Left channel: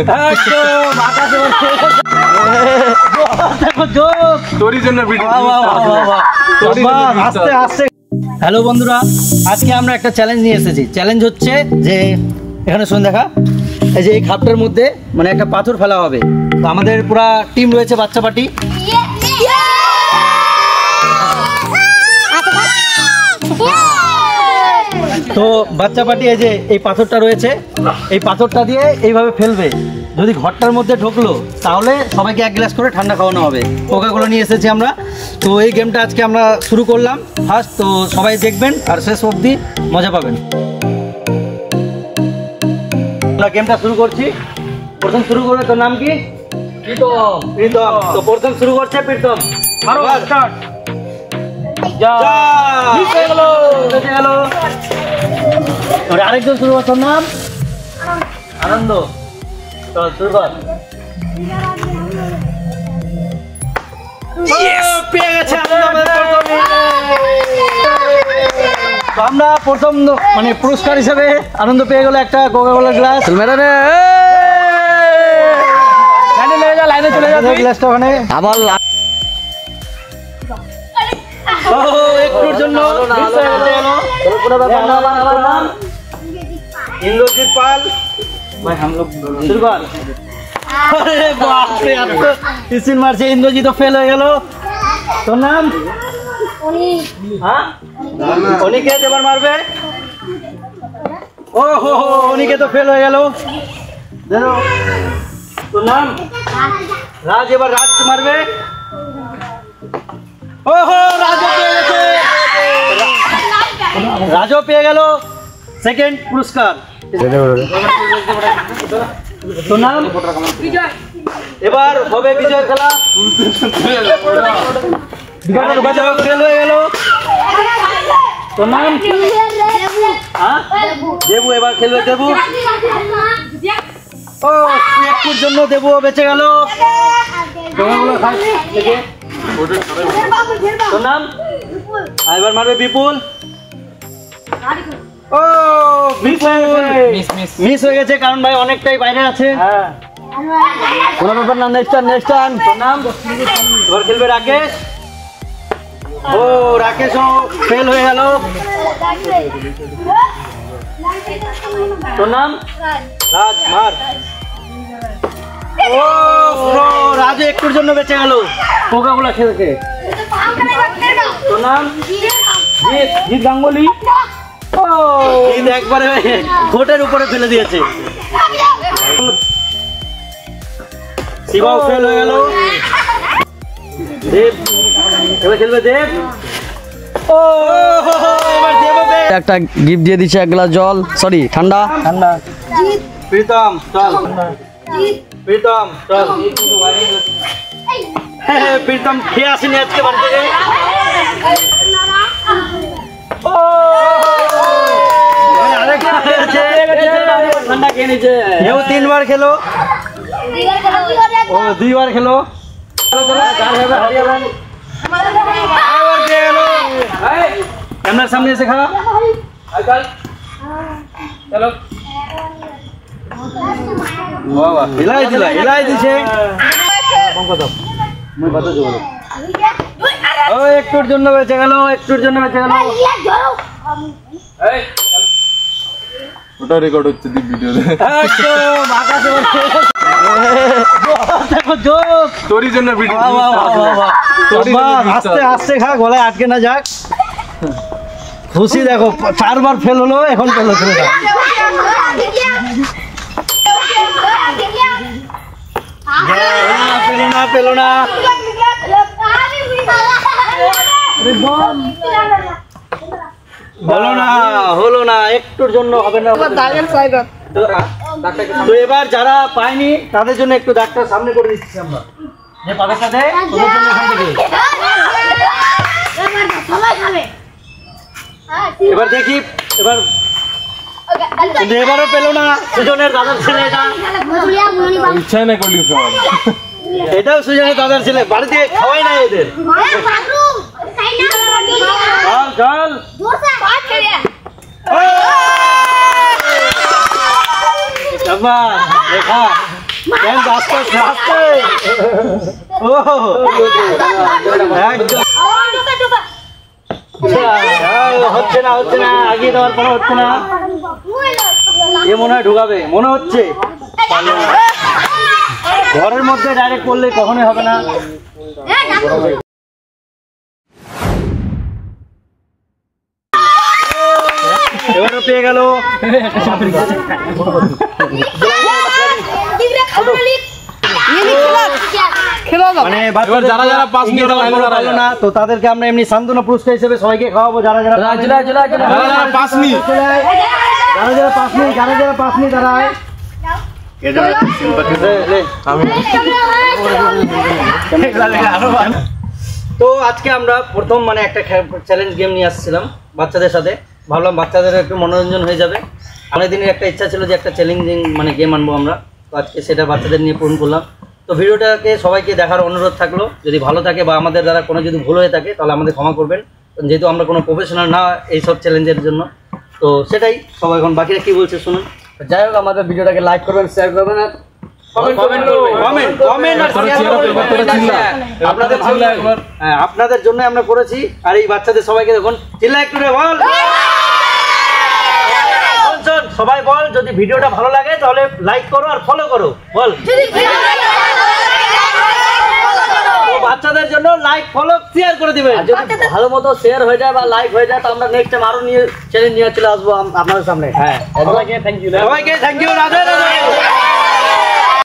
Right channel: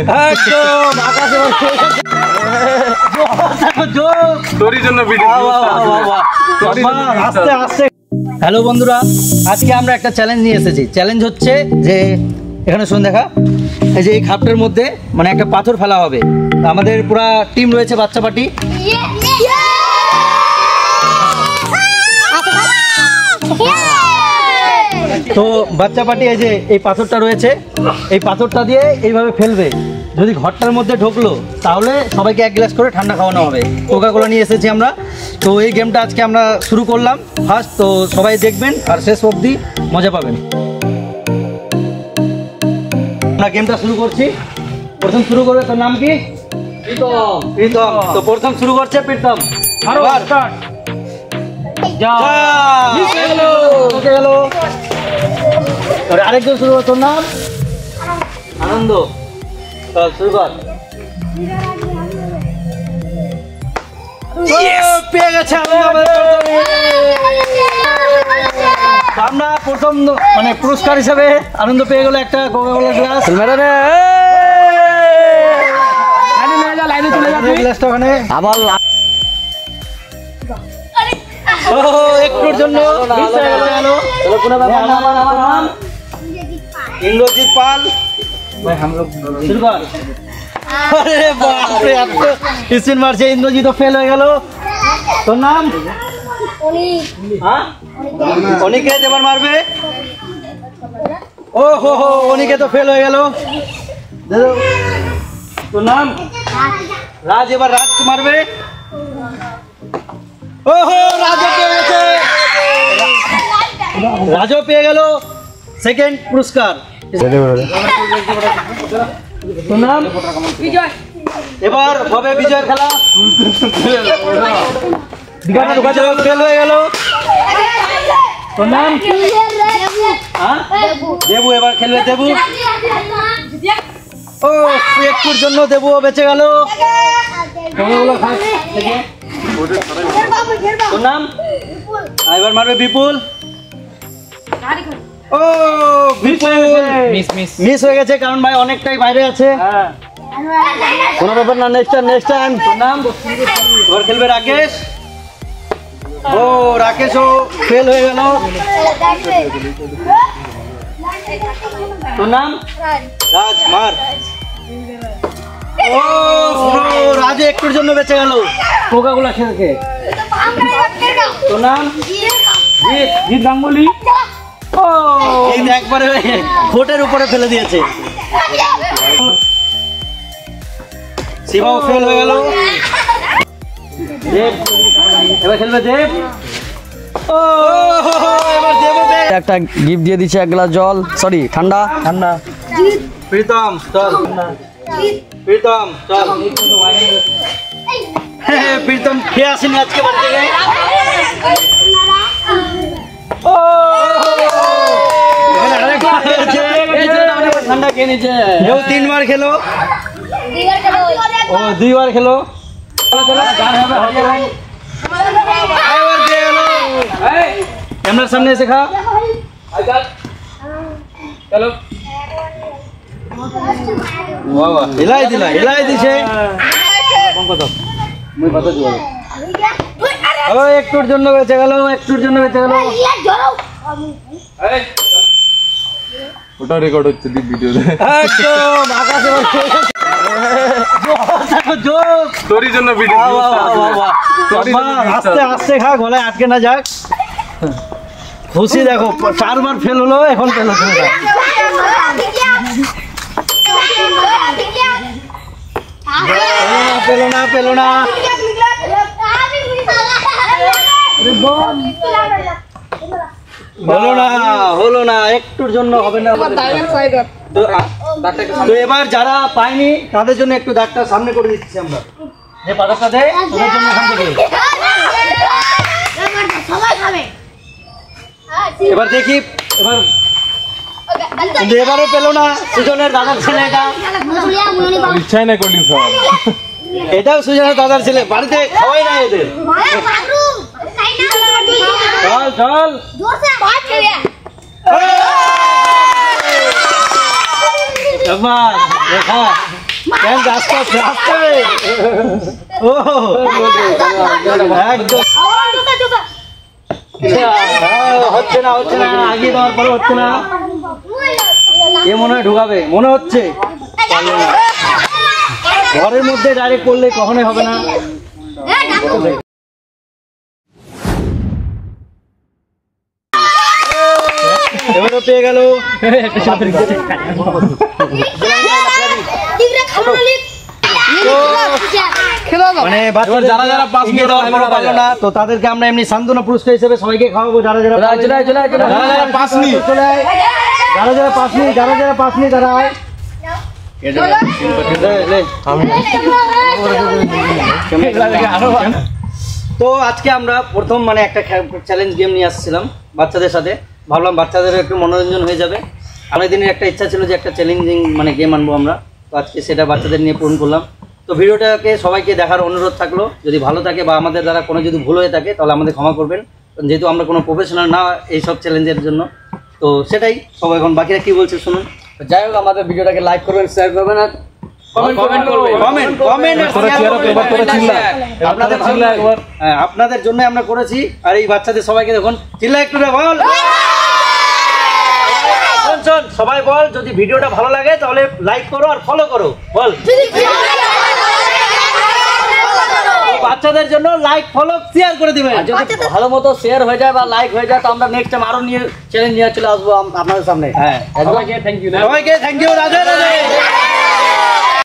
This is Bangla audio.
একদম আকাশে তোরই জন্য ভিডিও আস্তে আস্তে। হ্যালো বন্ধুরা, আজকে আমরা একটা চ্যালেঞ্জ নিয়ে এসেছি। চ্যালেঞ্জ হচ্ছে যে এখানে শুনে দেখা, এই যে এই খাপটার মধ্যে মানে একটা পাথর ফেলা হবে। আমাদের পুরা টিম রয়েছে, বাচ্চা পার্টি। তো বাচ্চা পার্টি এই যে এই পাথরটা রয়েছে, এই পাথরটা দিয়ে এইভাবে ফেলবে। যদি ঘরটার মধ্যে ঢুকলো তাহলে সবাইকে এক গ্লাস করে ঠান্ডা খাওয়ানো হবে। কোকা-কোলা নিয়ে এসেছি আমরা। তো এই গেমটা আজকে আমরা শুরু করলাম ফার্স্ট। তো সবাই দেখবেন আর শেষ অবধি মজা পাবেন। আমরা গেমটা শুরু করছি। প্রথম শুরু করবে, তোর নাম কি? প্রীতম। প্রীতম। তো প্রথম শুরু করছে প্রীতম। আরেকজন শুরু করছে, নাম আনন্দ। চল শুরু কর। পেয়ে গেছে আমরা প্রথম মানে পুরস্কার হিসেবে আনন্দ পেয়ে গেল একটা কোকা-কোলা গ্লাস। লাইনে চলে যাবে গ্লাসটা ওখানে আবার একটুর জন্য इंद्रजीत पाल भाई। हम लोग शुरू कर। अरे बाप रे, अब तो स्पिन मार से इंद्रजीत तो फेल हो गया। तो नाम हाँ অনিকেত এবার মারবে। ও হো হো, অনিকেত তো ফেল হয়ে গেল। তো নাম রাজ, এবার রাজ মারবে। ও হো, রাজও পেয়ে গেছে। রাজও পেয়ে গেল সেকেন্ড পুরস্কার। তো নাম বিজয়। এবার হবে বিজয় খেলা। ফেল হয়ে গেল। তো নাম দেবু। এবার খেলবে দেবু। ও একটুর জন্য দেবু বেঁচে গেল। তো নাম এবার মারবে বিপুল। ও মিস হয়ে গেছে, কারণ ভাই অনেকটাই বাইরে আছে। কোনো ব্যাপার না, নেক্সট টাইম। তো নাম এবার খেলবে রাকেশ। ও রাকেশও ফেল হয়ে গেল। তো নাম রাজ, মার। ও রাজু একটুর জন্য বেঁচে গেল কোকা-কোলা খেলতে। তো নাম জিৎ। জিৎ গাঙ্গুলি। ও একবারে ভোটের উপরে ফেলে দিয়েছে। শিবাও ফেল হয়ে গেল। দেব এবার খেলবে দেব। ও এবার দেব একটা গিফট দিয়ে দিচ্ছে, এক গ্লাস জল, সরি ঠান্ডা। ঠান্ডা। প্রীতম চল। প্রীতম চল। প্রীতম খেয়ে আসেনি আজকে বাড়ি থেকে। ঠান্ডা খেয়ে নিচ্ছে। ও 3 বার খেলো। ও 2 বার খেলো। ক্যামেরার সামনে এসে খা। চলো হিলাই দিছে। ও একটুর জন্য বেঁচে গেল। একটুর জন্য বেঁচে গেল। ওটা রেকর্ড হচ্ছে ভিডিওতে। একদম আকাশে তোরই জন্য ভিডিও। আস্তে আস্তে খা, গলায় আটকে না যাক। খুশি দেখো, 4 বার ফেল হলো, এখন ফেল হচ্ছে না। পেলো না, পেলো না। হলো না, হলো না, একটুর জন্য হবে না। তো এবার যারা পায়নি তাদের জন্য একটু দাগটা সামনে করে দিচ্ছি আমরা। যে পাতাটা দেয় ওদের জন্য এখান থেকে। এবার দেখি, এবারও পেলো না। সুজনের দাদার ছেলে এটা। ইচ্ছাই না করলি সব। এটাও সুজনের দাদার ছেলে, বাড়িতে খাওয়াই না এদের। চল চল। দেখা আস্তে আস্তে আস্তে ও একদম হচ্ছে না আগিয়ে দেওয়ার পরে হচ্ছে না এ মনে হয় ঢুকাবে মনে হচ্ছে ঘরের মধ্যে ডাইরেক্ট করলে কখনোই হবে না পেয়ে গেল এবার যারা যারা পাস নিয়ে ওরা লাইনে দাঁড়ায় না তো তাদেরকে আমরা এমনি সান্ত্বনা পুরস্কার হিসেবে সবাইকে খাওয়াবো যারা যারা যারা যারা পাস নি যারা যারা পাস নি তারা আমি তো আজকে আমরা প্রথম মানে একটা চ্যালেঞ্জ গেম নিয়ে আসছিলাম বাচ্চাদের সাথে ভাবলাম বাচ্চাদের একটু মনোরঞ্জন হয়ে যাবে অনেক দিনের একটা ইচ্ছা ছিল যে একটা চ্যালেঞ্জিং মানে গেম আনবো আমরা তো আজকে সেটা বাচ্চাদের নিয়ে পূরণ করলাম তো ভিডিওটাকে সবাইকে দেখার অনুরোধ থাকলো যদি ভালো থাকে বা আমাদের দ্বারা কোনো যদি ভুল হয়ে থাকে তাহলে আমাদের ক্ষমা করবেন যেহেতু আমরা কোনো প্রফেশনাল না এইসব চ্যালেঞ্জের জন্য তো সেটাই সবাই এখন বাকিরা কি বলছে শুনুন যাই হোক আমাদের ভিডিওটাকে লাইক করবেন শেয়ার করবেন আর আপনাদের জন্য আমরা করেছি আর এই বাচ্চাদের সবাইকে দেখুন চিল্লা একটু বল সবাই বল যদি ভিডিওটা ভালো লাগে তাহলে লাইক করো আর ফলো করো বল বাচ্চাদের জন্য লাইক ফলো শেয়ার করে দিবেন যদি ভালো মতো শেয়ার হয়ে যায় বা লাইক হয়ে যায় তো আমরা নেক্সট টাইম আরো নিয়ে চ্যালেঞ্জ নিয়ে চলে আসবো আপনাদের সামনে হ্যাঁ সবাইকে থ্যাংক ইউ সবাইকে থ্যাংক ইউ রাধে রাধে